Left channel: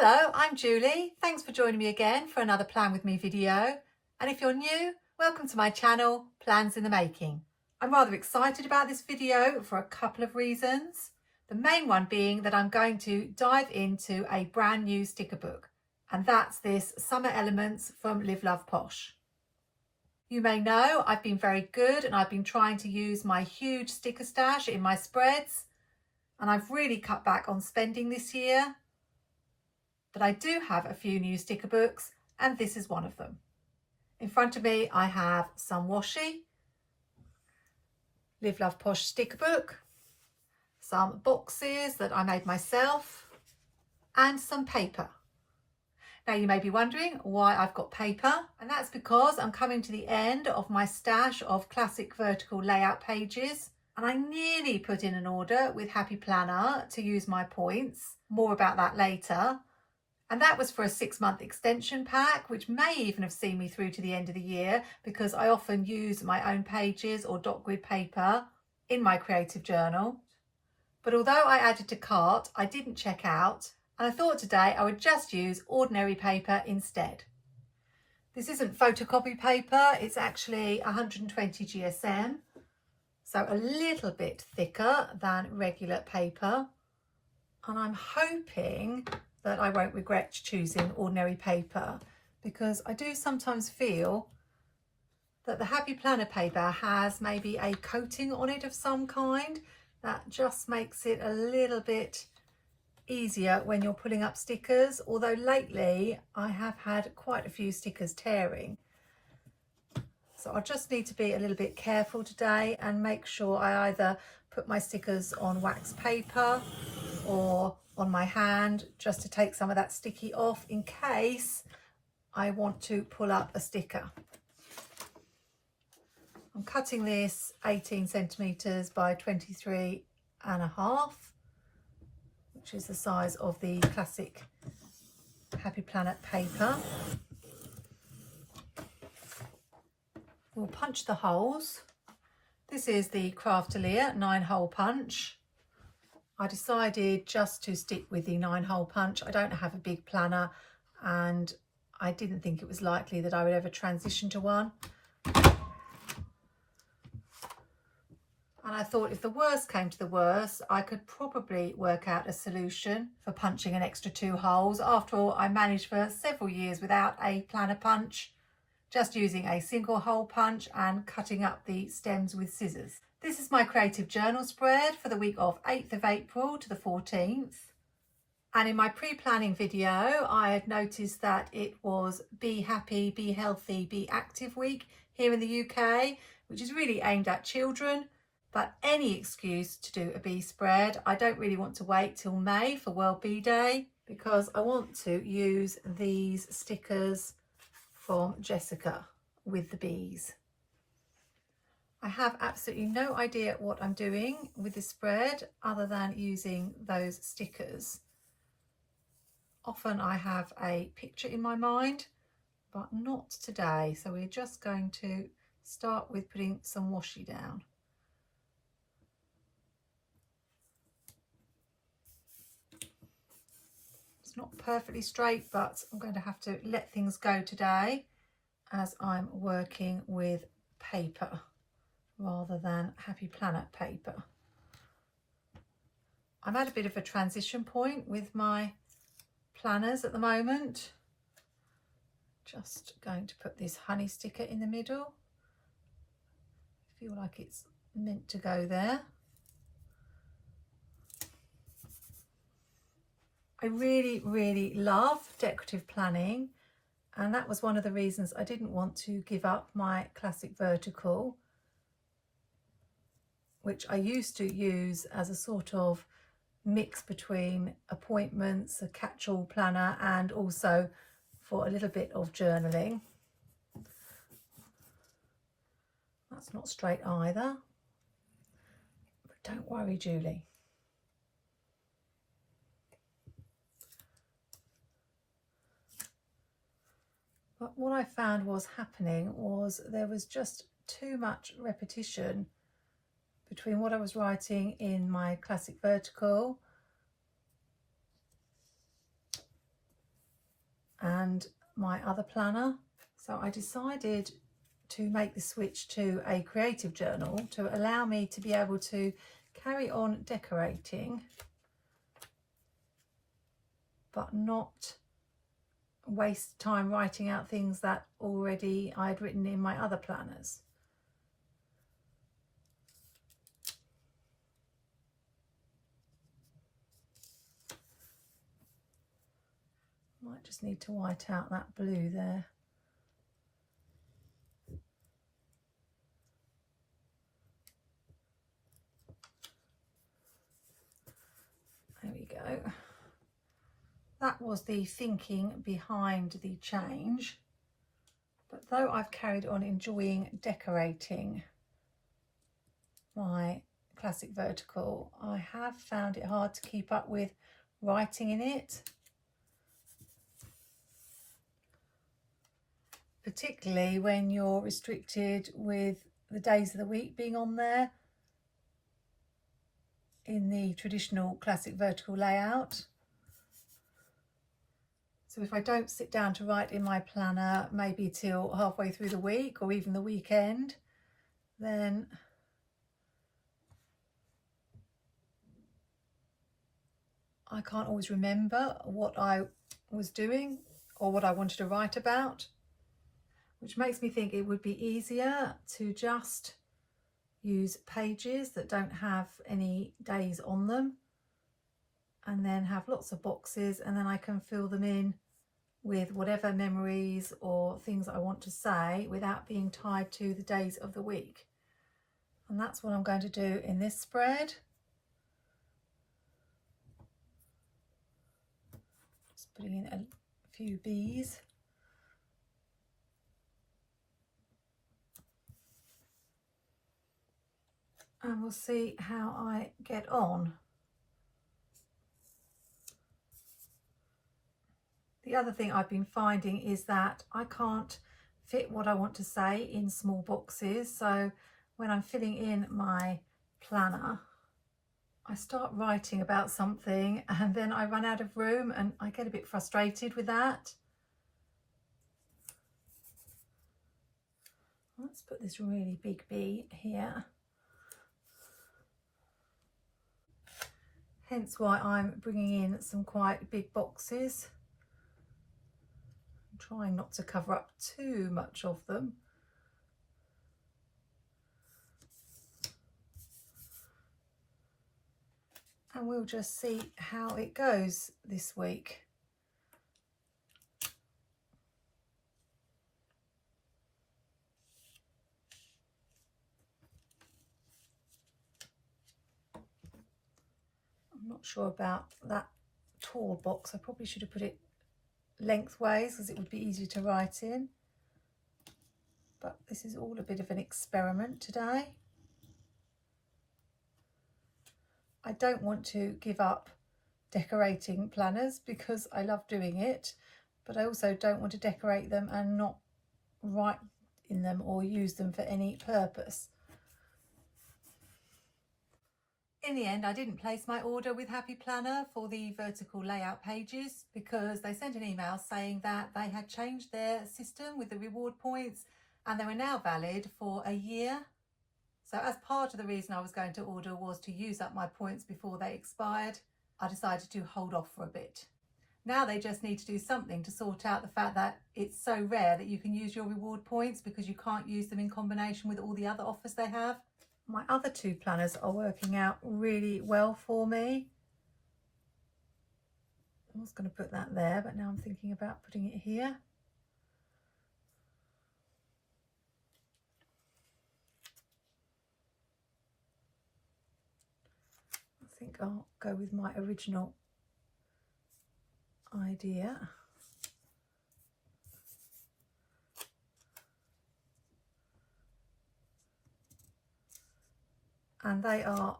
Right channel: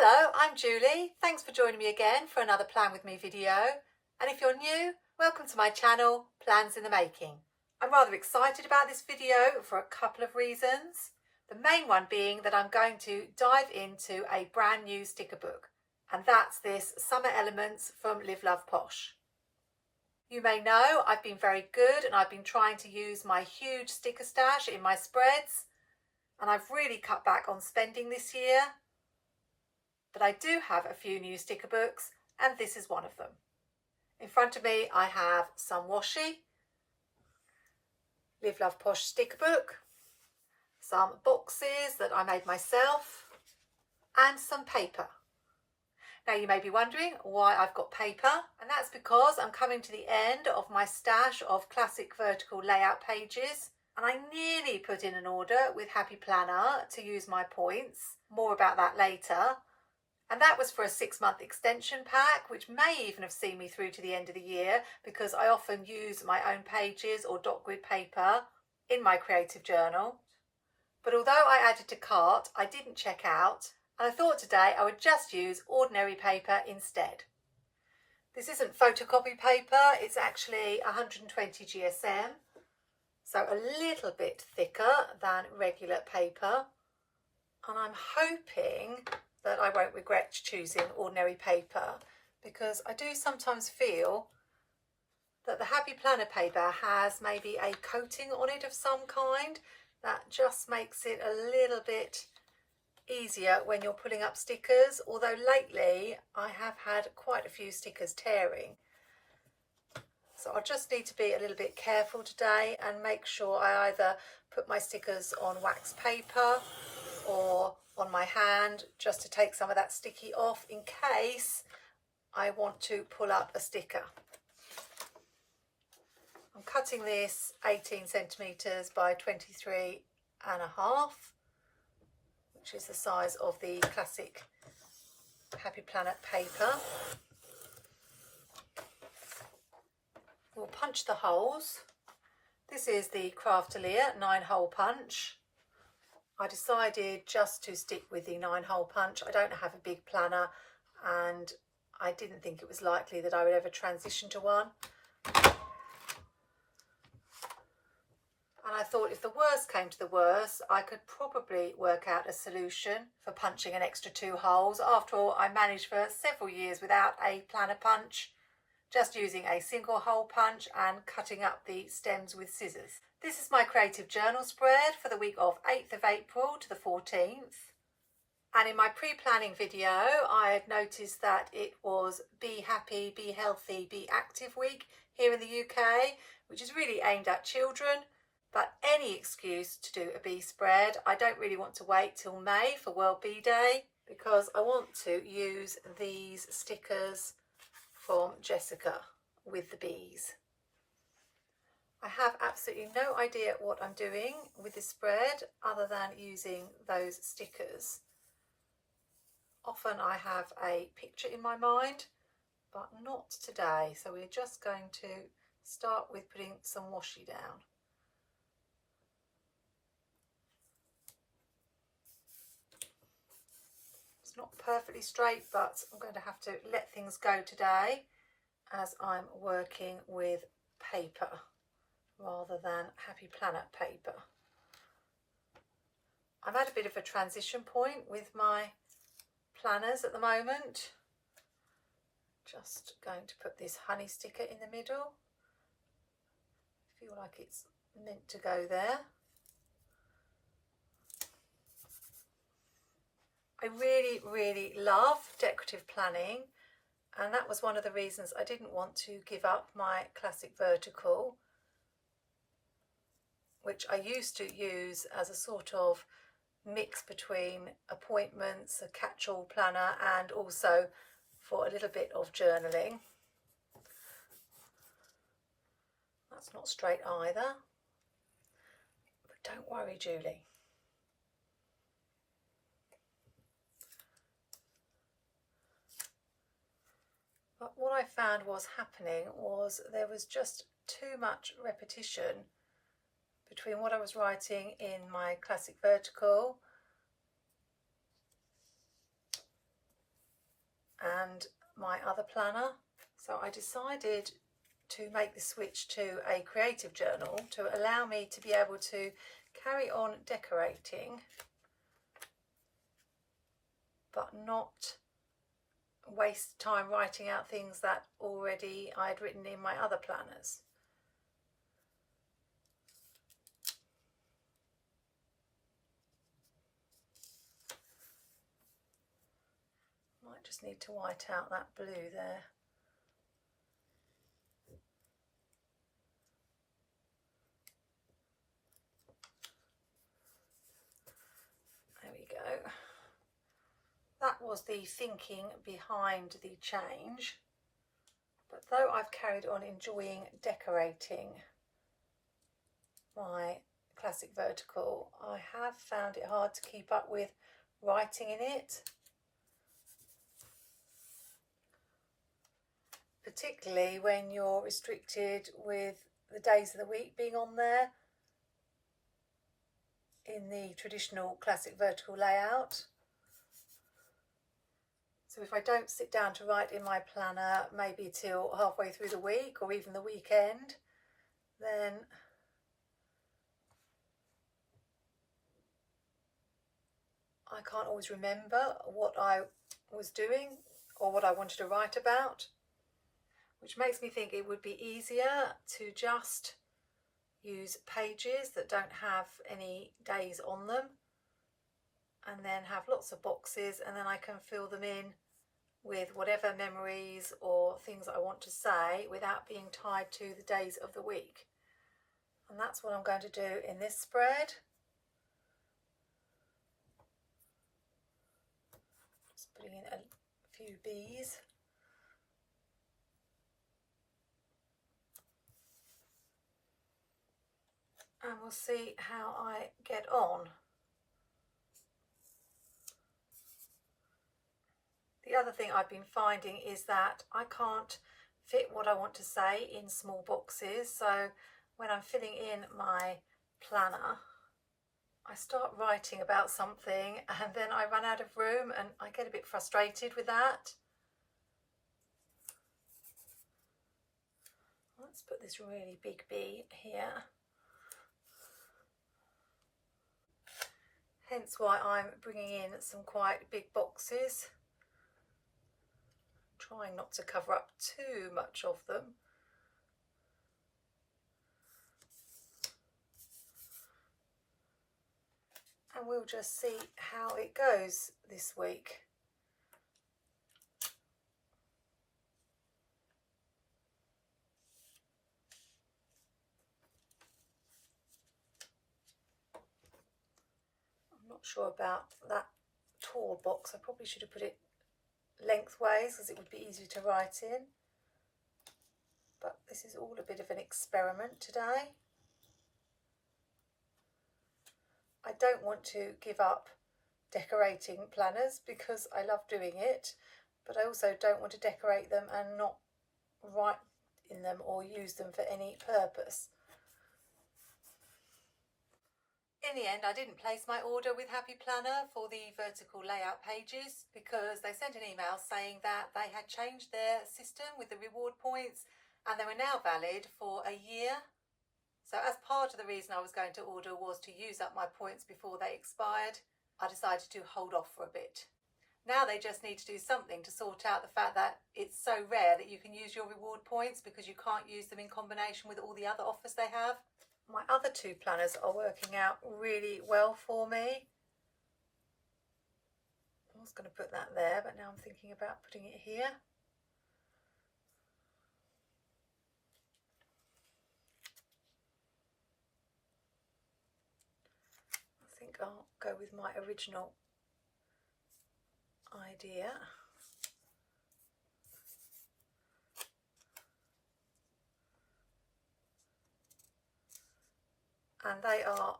Hello, I'm Julie. Thanks for joining me again for another Plan With Me video. And if you're new, welcome to my channel, Plans in the Making. I'm rather excited about this video for a couple of reasons. The main one being that I'm going to dive into a brand new sticker book, and that's this Summer Elements from Live Love Posh. You may know I've been very good and I've been trying to use my huge sticker stash in my spreads, and I've really cut back on spending this year. But I do have a few new sticker books, and this is one of them. In front of me I have some washi, Live Love Posh sticker book, some boxes that I made myself, and some paper. Now you may be wondering why I've got paper, and that's because I'm coming to the end of my stash of classic vertical layout pages, and I nearly put in an order with Happy Planner to use my points. More about that later. And that was for a 6-month extension pack, which may even have seen me through to the end of the year, because I often use my own pages or dot grid paper in my creative journal. But although I added to cart, I didn't check out, and I thought today I would just use ordinary paper instead. This isn't photocopy paper, it's actually 120 GSM, so a little bit thicker than regular paper. And I'm hoping that I won't regret choosing ordinary paper, because I do sometimes feel that the Happy Planner paper has maybe a coating on it of some kind that just makes it a little bit easier when you're pulling up stickers, although lately I have had quite a few stickers tearing. So I just need to be a little bit careful today and make sure I either put my stickers on wax paper or on my hand, just to take some of that sticky off in case I want to pull up a sticker. I'm cutting this 18 centimeters by 23.5, which is the size of the classic Happy Planner paper. We'll punch the holes. This is the Craftelier 9-hole punch. I decided just to stick with the 9-hole punch. I don't have a big planner, and I didn't think it was likely that I would ever transition to one. And I thought if the worst came to the worst, I could probably work out a solution for punching an extra 2 holes. After all, I managed for several years without a planner punch, just using a single hole punch and cutting up the stems with scissors. This is my creative journal spread for the week of 8th of April to the 14th. And in my pre-planning video, I had noticed that it was Be Happy, Be Healthy, Be Active week here in the UK, which is really aimed at children. But any excuse to do a bee spread. I don't really want to wait till May for World Bee Day, because I want to use these stickers from Jessica with the bees. I have absolutely no idea what I'm doing with this spread other than using those stickers. Often I have a picture in my mind, but not today. So we're just going to start with putting some washi down. It's not perfectly straight, but I'm going to have to let things go today as I'm working with paper rather than Happy Planner paper. I'm at a bit of a transition point with my planners at the moment. Just going to put this honey sticker in the middle. I feel like it's meant to go there. I really love decorative planning, and that was one of the reasons I didn't want to give up my classic vertical, which I used to use as a sort of mix between appointments, a catch-all planner, and also for a little bit of journaling. That's not straight either, but don't worry, Julie. But what I found was happening was there was just too much repetition between what I was writing in my classic vertical and my other planner. So I decided to make the switch to a creative journal to allow me to be able to carry on decorating but not waste time writing out things that already I'd written in my other planners. Might just need to white out that blue there. There we go. That was the thinking behind the change. But though I've carried on enjoying decorating my classic vertical, I have found it hard to keep up with writing in it. Particularly when you're restricted with the days of the week being on there in the traditional classic vertical layout. So if I don't sit down to write in my planner maybe till halfway through the week or even the weekend, then I can't always remember what I was doing or what I wanted to write about, which makes me think it would be easier to just use pages that don't have any days on them and then have lots of boxes, and then I can fill them in with whatever memories or things I want to say without being tied to the days of the week. And that's what I'm going to do in this spread. Just putting in a few bees. And we'll see how I get on. The other thing I've been finding is that I can't fit what I want to say in small boxes. So when I'm filling in my planner, I start writing about something and then I run out of room, and I get a bit frustrated with that. Let's put this really big bee here. Hence why I'm bringing in some quite big boxes. I'm trying not to cover up too much of them. And we'll just see how it goes this week. I'm not sure about that tall box. I probably should have put it lengthways because it would be easier to write in. But this is all a bit of an experiment today. I don't want to give up decorating planners because I love doing it, but I also don't want to decorate them and not write in them or use them for any purpose. In the end, I didn't place my order with Happy Planner for the vertical layout pages because they sent an email saying that they had changed their system with the reward points and they were now valid for a year. So as part of the reason I was going to order was to use up my points before they expired, I decided to hold off for a bit. Now they just need to do something to sort out the fact that it's so rare that you can use your reward points because you can't use them in combination with all the other offers they have. My other two planners are working out really well for me. I was going to put that there, but now I'm thinking about putting it here. I think I'll go with my original idea. And they are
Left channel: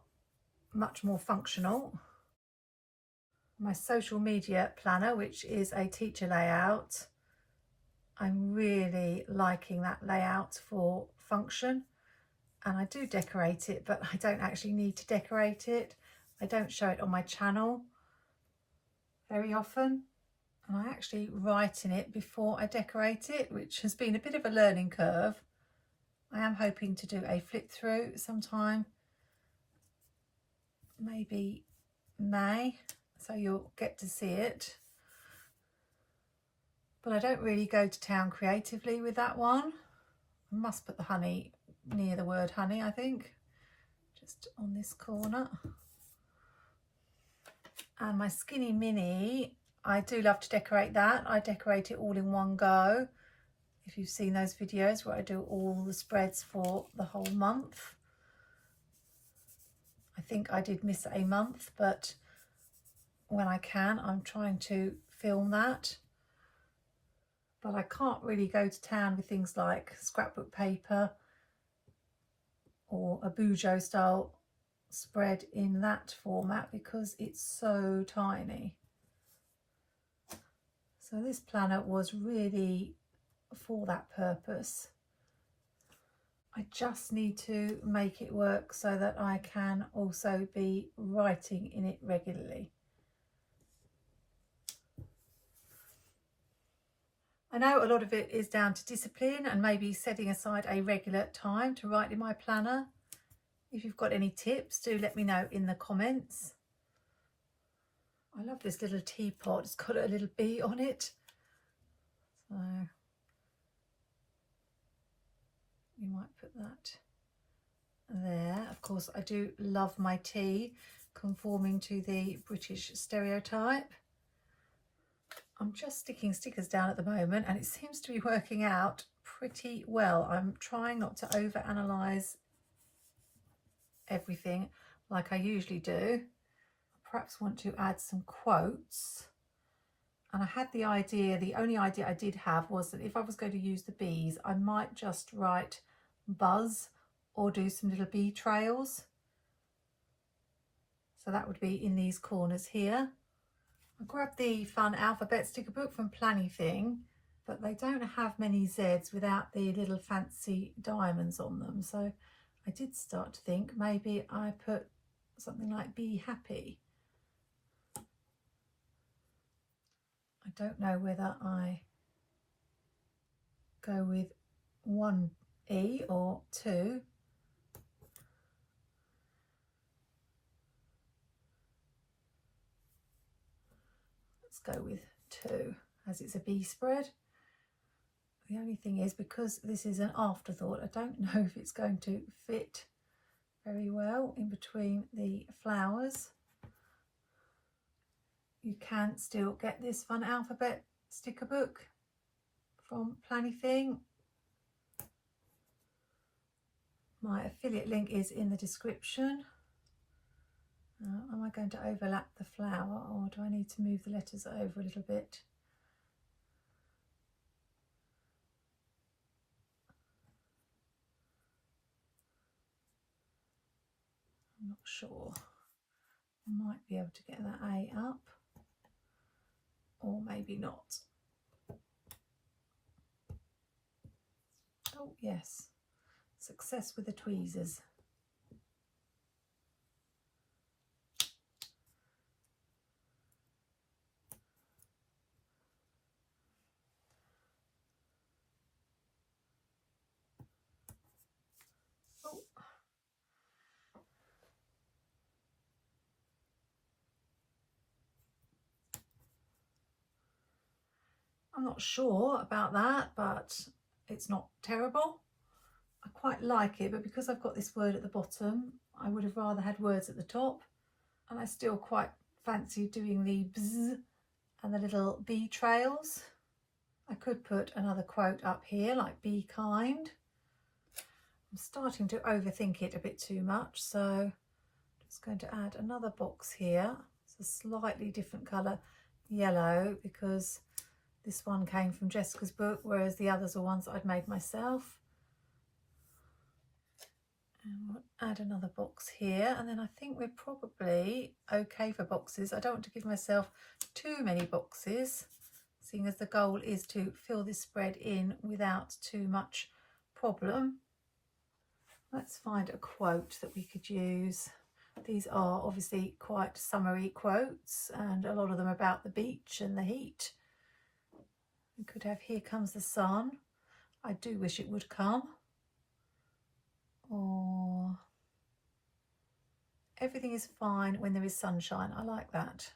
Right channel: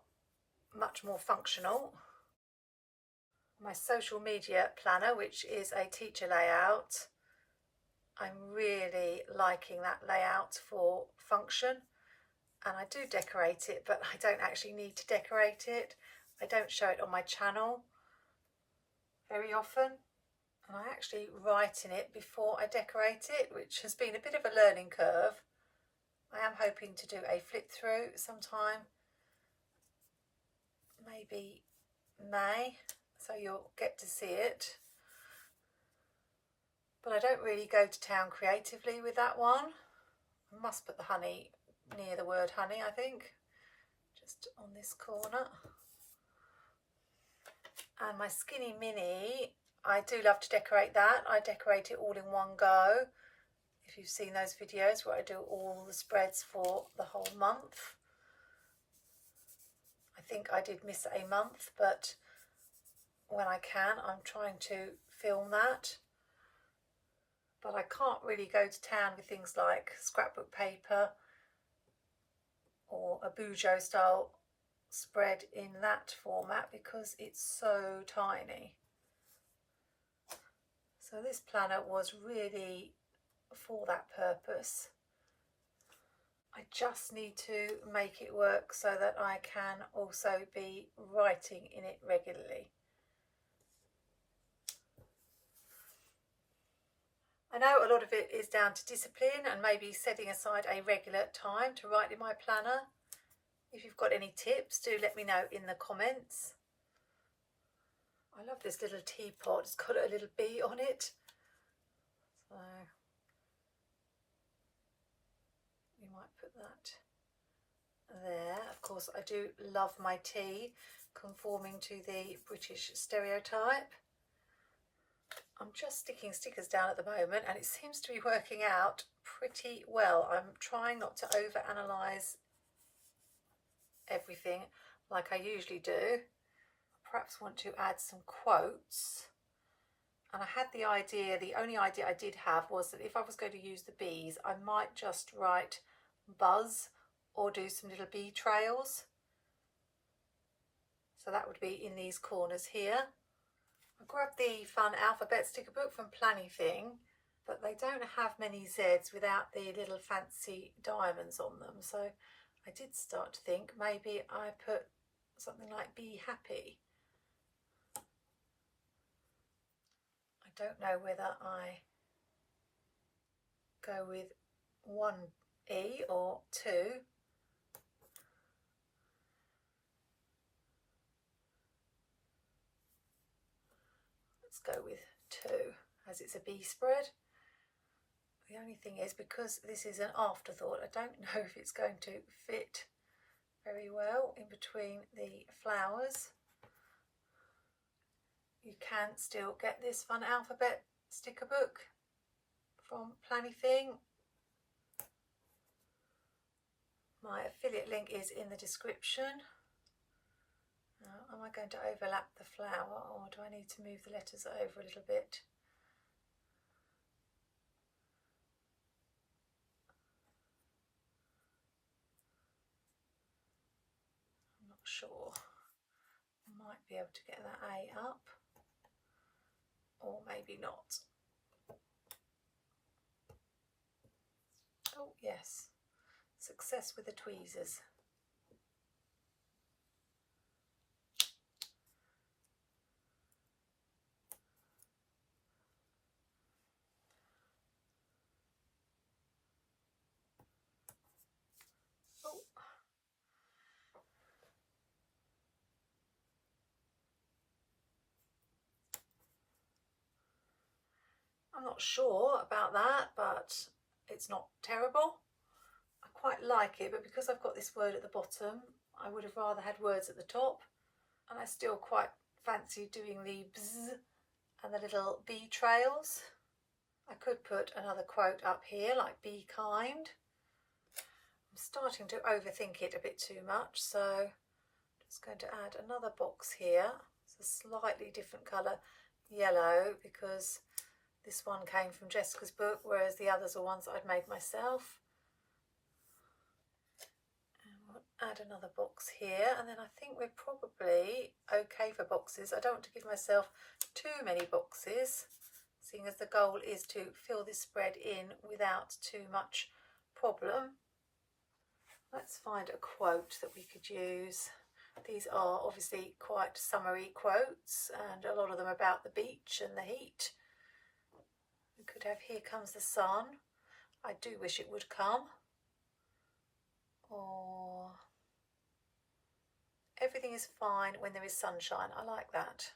much more functional. My social media planner, which is a teacher layout, I'm really liking that layout for function, and I do decorate it, but I don't actually need to decorate it. I don't show it on my channel very often, and I actually write in it before I decorate it, which has been a bit of a learning curve. I am hoping to do a flip through sometime, maybe May, so you'll get to see it. But I don't really go to town creatively with that one. I must put the honey near the word honey, I think, just on this corner. And my skinny mini, I do love to decorate that. I decorate it all in one go. If you've seen those videos where I do all the spreads for the whole month. I think I did miss a month, but when I can, I'm trying to film that. But I can't really go to town with things like scrapbook paper or a Bujo style spread in that format because it's so tiny. So this planner was really for that purpose. I just need to make it work so that I can also be writing in it regularly. I know a lot of it is down to discipline and maybe setting aside a regular time to write in my planner. If you've got any tips, do let me know in the comments. I love this little teapot. It's got a little bee on it. So you might put that there. Of course, I do love my tea, conforming to the British stereotype. I'm just sticking stickers down at the moment and it seems to be working out pretty well. I'm trying not to overanalyze everything like I usually do. I perhaps want to add some quotes. And I had the idea, the only idea I did have was that if I was going to use the bees, I might just write buzz or do some little bee trails. So that would be in these corners here. I grabbed the fun alphabet sticker book from planwithme, but they don't have many Z's without the little fancy diamonds on them. So I did start to think maybe I put something like be happy. I don't know whether I go with one E or two. Go with two as it's a bee spread. The only thing is, because this is an afterthought, I don't know if it's going to fit very well in between the flowers. You can still get this fun alphabet sticker book from planwithme. My affiliate link is in the description. Am I going to overlap the flower or do I need to move the letters over a little bit? I'm not sure. I might be able to get that A up or maybe not. Oh yes, success with the tweezers. I'm not sure about that, but it's not terrible. I quite like it, but because I've got this word at the bottom, I would have rather had words at the top. And I still quite fancy doing the bzz and the little bee trails. I could put another quote up here, like be kind. I'm starting to overthink it a bit too much, so I'm just going to add another box here. It's a slightly different colour yellow because this one came from Jessica's book, whereas the others are ones that I'd made myself. And we'll add another box here, and then I think we're probably okay for boxes. I don't want to give myself too many boxes, seeing as the goal is to fill this spread in without too much problem. Let's find a quote that we could use. These are obviously quite summery quotes and a lot of them about the beach and the heat. We could have Here Comes the Sun. I do wish it would come. Or Everything is Fine When There Is Sunshine. I like that.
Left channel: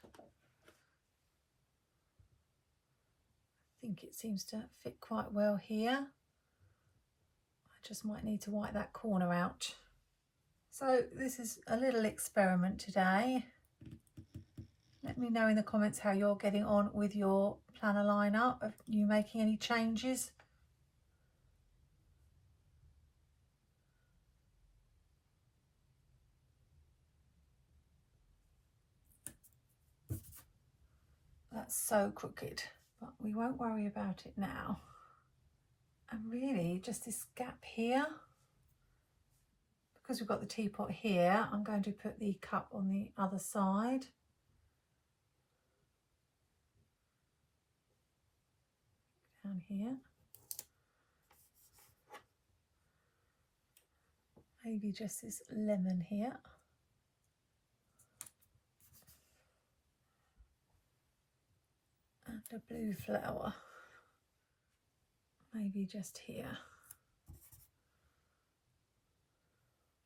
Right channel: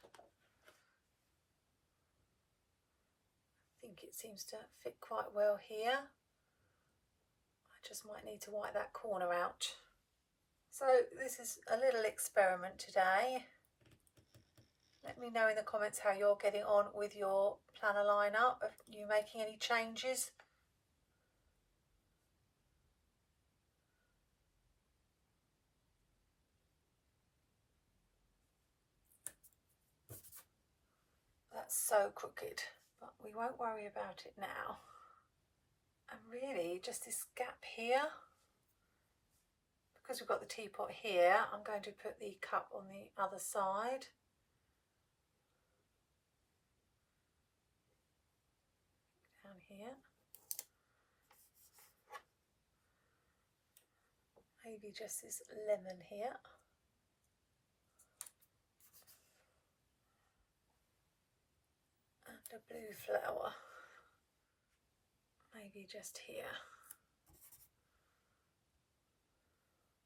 I think it seems to fit quite well here. I just might need to white that corner out. So this is a little experiment today. Let me know in the comments how you're getting on with your planner lineup. Are you making any changes? That's so crooked, but we won't worry about it now. And really just this gap here, because we've got the teapot here, I'm going to put the cup on the other side. Down here. Maybe just this lemon here. And a blue flower. Maybe just here.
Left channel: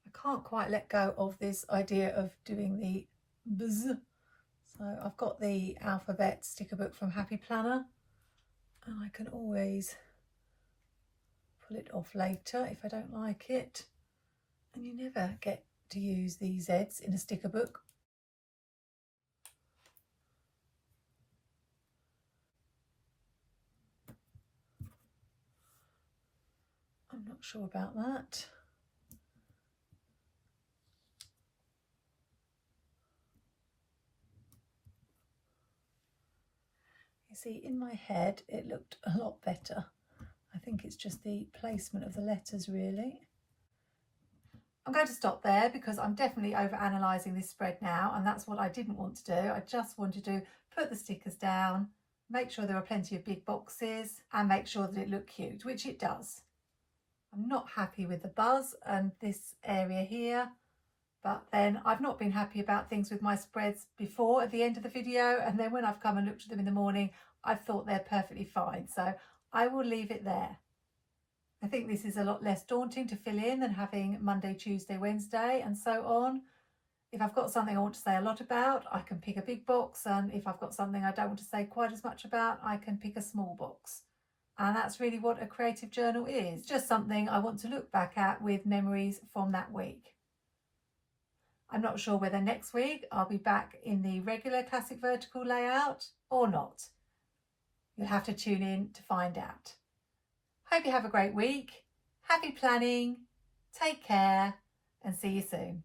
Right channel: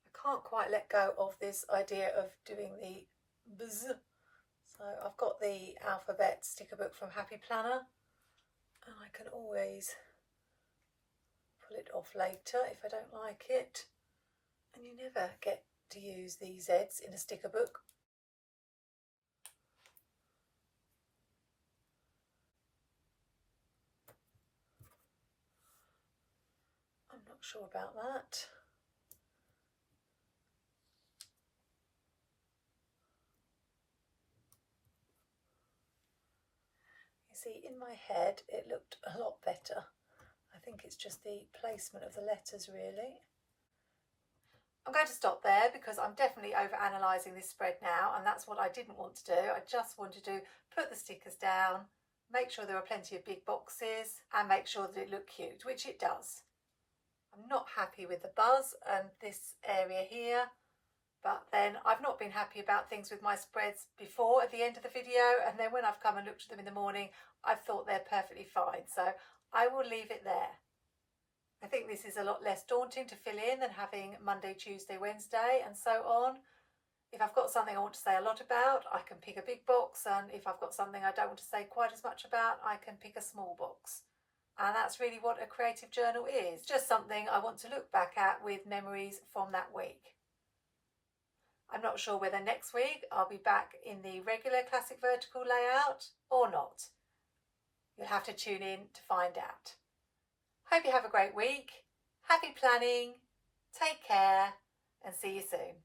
I can't quite let go of this idea of doing the buzz. So I've got the alphabet sticker book from Happy Planner, and I can always pull it off later if I don't like it. And you never get to use these Z's in a sticker book. I'm not sure about that. You see, in my head it looked a lot better. I think it's just the placement of the letters really. I'm going to stop there because I'm definitely over analysing this spread now, and that's what I didn't want to do. I just wanted to put the stickers down, make sure there are plenty of big boxes, and make sure that it looked cute, which it does. I'm not happy with the buzz and this area here, but then I've not been happy about things with my spreads before at the end of the video, and then when I've come and looked at them in the morning, I've thought they're perfectly fine, so I will leave it there. I think this is a lot less daunting to fill in than having Monday, Tuesday, Wednesday and so on. If I've got something I want to say a lot about, I can pick a big box, and if I've got something I don't want to say quite as much about, I can pick a small box. And that's really what a creative journal is, just something I want to look back at with memories from that week. I'm not sure whether next week I'll be back in the regular classic vertical layout or not. You'll have to tune in to find out. Hope you have a great week. Happy planning, take care, and see you soon.